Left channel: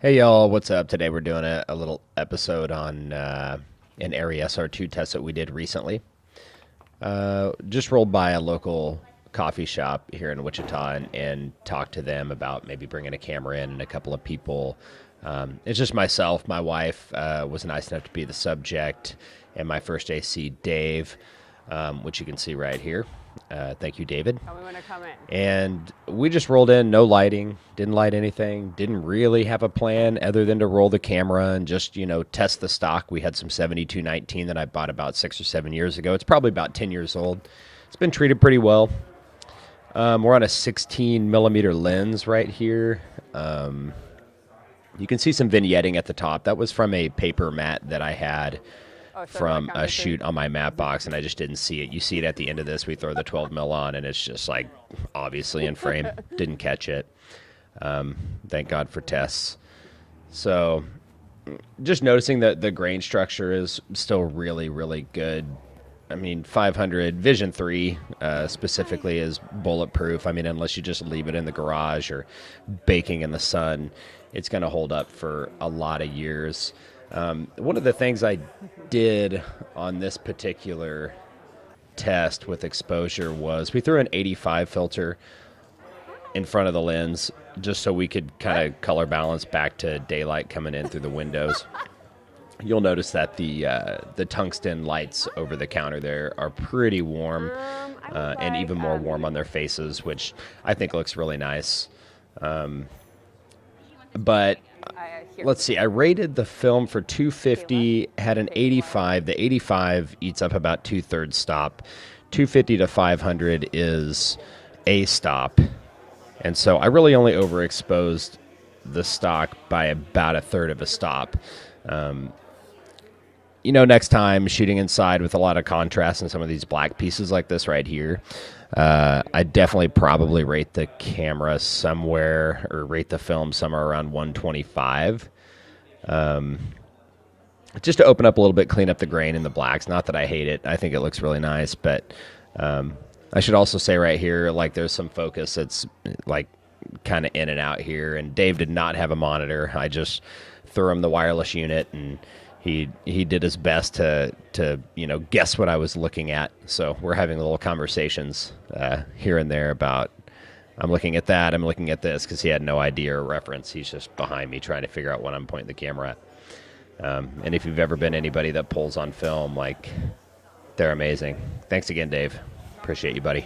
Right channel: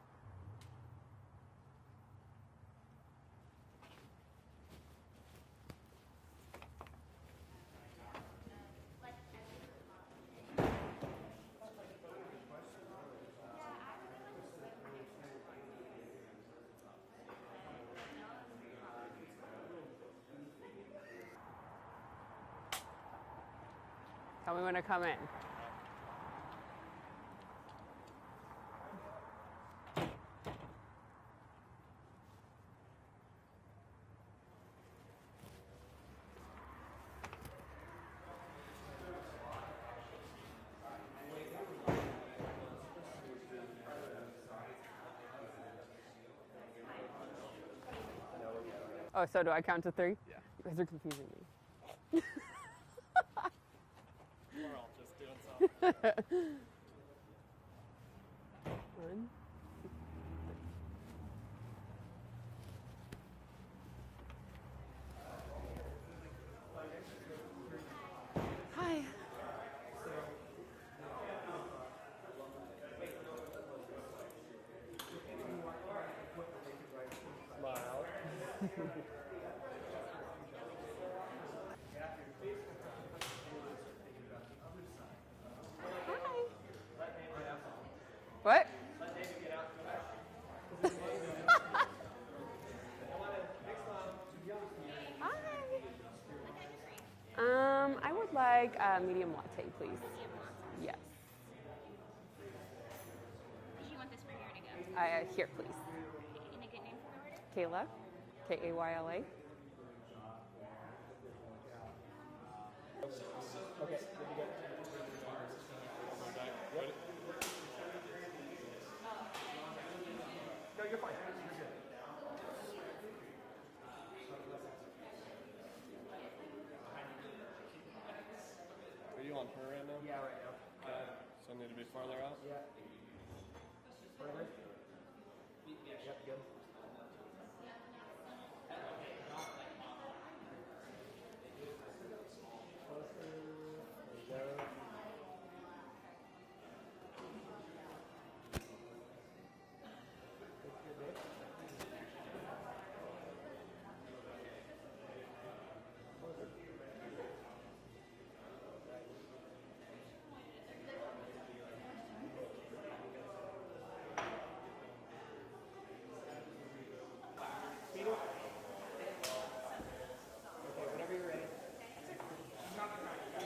Hey y'all, what's up? Today we're doing a little episode on an ARRI SR2 test that we did recently. Just rolled by a local coffee shop here in Wichita and talked to them about maybe bringing a camera in and a couple of people. It's just myself, my wife was nice enough to be the subject, and my first AC, Dave, which you can see right here. Thank you, David. Tell me when to come in. And we just rolled in, no lighting, didn't light anything, didn't really have a plan other than to roll the camera and just, test the stock. We had some 7219 that I bought about 6 or 7 years ago. It's probably about 10 years old. It's been treated pretty well. We're on a 16mm lens right here. You can see some vignetting at the top. That was from a paper mat that I had from a shoot on my matte box, and I just didn't see it. You see it at the end of this. We throw the 12 mil on, and it's just like obviously in frame. Didn't catch it. Thank God for tests. So just noticing that the grain structure is still really, really good. I mean, 500 Vision 3 specifically is bulletproof. I mean, unless you just leave it in the garage or baking in the sun, it's going to hold up for a lot of years. One of the things I did on this particular test with exposure was we threw an 85 filter in front of the lens just so we could kind of color balance back to daylight coming in through the windows. You'll notice that the tungsten lights over the counter there are pretty warm and even more warm on their faces, which I think looks really nice. But let's see, I rated the film for 250, had an 85. The 85 eats up about 2/3 stop. 250 to 500 is a stop. And so I really only overexposed the stock by about 1/3 of a stop. Next time shooting inside with a lot of contrast and some of these black pieces like this right here, I definitely probably rate the camera somewhere, or rate the film somewhere around 125. Just to open up a little bit, clean up the grain in the blacks. Not that I hate it. I think it looks really nice, but I should also say right here, like there's some focus that's like kind of in and out here. And Dave did not have a monitor. I just threw him the wireless unit, and he did his best to guess what I was looking at. So we're having little conversations here and there about, I'm looking at that, I'm looking at this, because he had no idea or reference. He's just behind me trying to figure out what I'm pointing the camera at. And if you've ever been anybody that pulls on film, like, they're amazing. Thanks again, Dave. Appreciate you, buddy.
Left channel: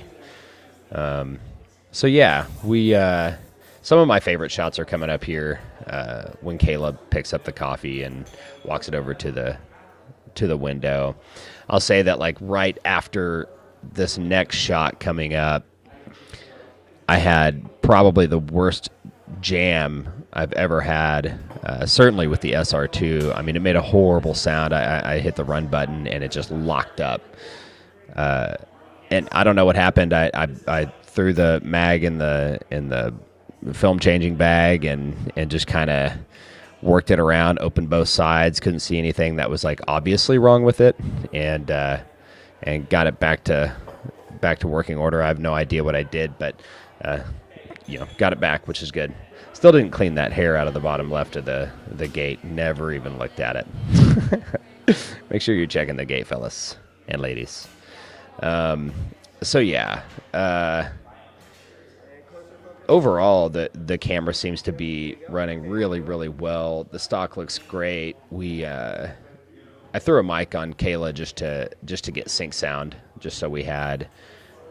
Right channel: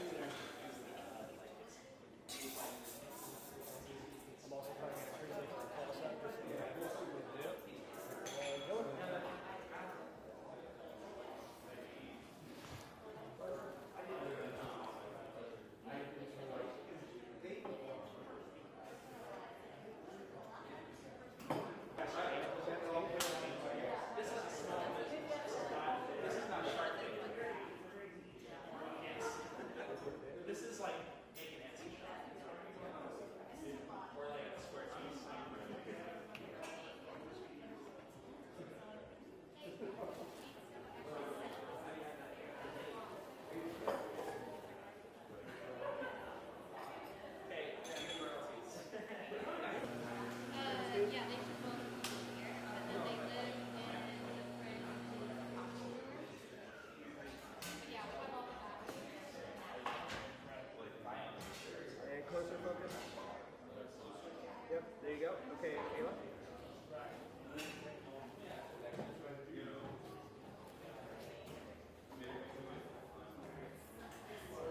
So yeah, some of my favorite shots are coming up here when Caleb picks up the coffee and walks it over to the window. I'll say that like right after this next shot coming up, I had probably the worst jam I've ever had, certainly with the SR2. I mean, it made a horrible sound. I hit the run button and it just locked up. And I don't know what happened. I threw the mag in the film changing bag and just kind of worked it around, opened both sides, couldn't see anything that was like obviously wrong with it, and got it back to working order. I have no idea what I did, but got it back, which is good. Still didn't clean that hair out of the bottom left of the gate. Never even looked at it. Make sure you're checking the gate, fellas and ladies. So yeah, overall, the camera seems to be running really, really well. The stock looks great. I threw a mic on Kayla just to get sync sound, just so we had.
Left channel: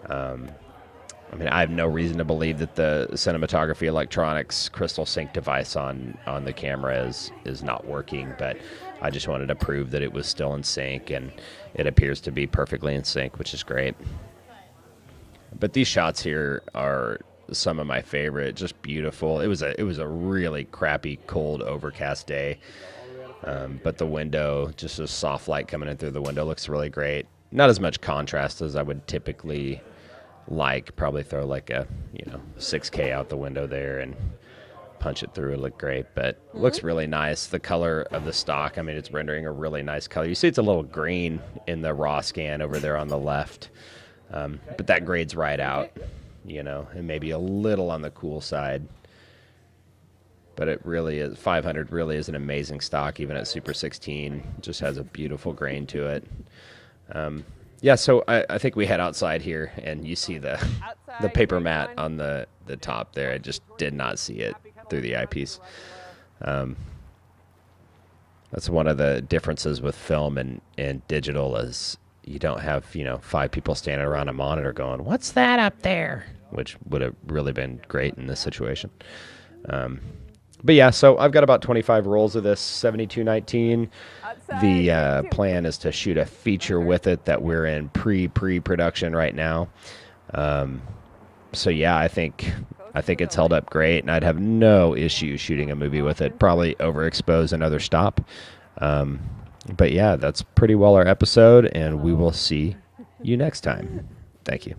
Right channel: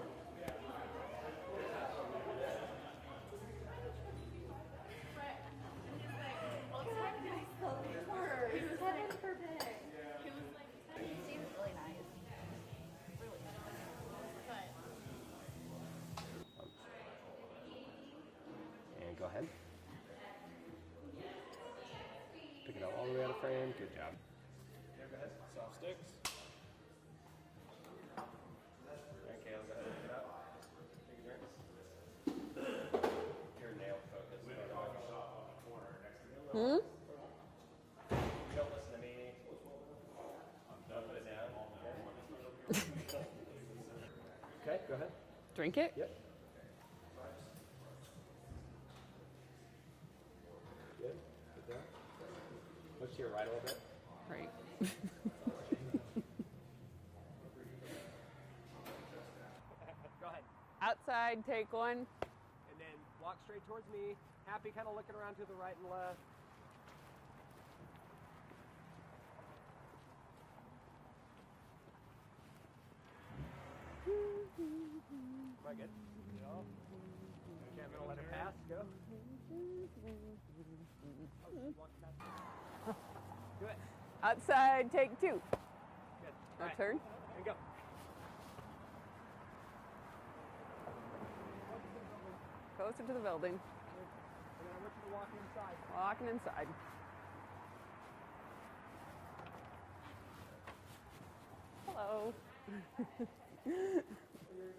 I mean, I have no reason to believe that the cinematography electronics crystal sync device on the camera is not working, but I just wanted to prove that it was still in sync, and it appears to be perfectly in sync, which is great. But these shots here are some of my favorite. Just beautiful. It was a really crappy, cold, overcast day, but the window, just a soft light coming in through the window, looks really great. Not as much contrast as I would typically like. Probably throw like a 6K out the window there and punch it through. It looked great, but looks really nice. The color of the stock, I mean, it's rendering a really nice color. You see it's a little green in the raw scan over there on the left, but that grades right out, and maybe a little on the cool side. But it really is, 500 really is an amazing stock, even at Super 16. It just has a beautiful grain to it. Yeah, so I think we head outside here, and you see the paper mat on the top there. I just did not see it through the eyepiece. That's one of the differences with film and digital is you don't have, 5 people standing around a monitor going, "What's that up there?" Which would have really been great in this situation. But yeah, so I've got about 25 rolls of this 7219. The plan is to shoot a feature with it that we're in pre-production right now. So yeah, I think it's held up great, and I'd have no issue shooting a movie with it. Probably overexpose another stop. But yeah, that's pretty well our episode, and we will see you next time. Thank you.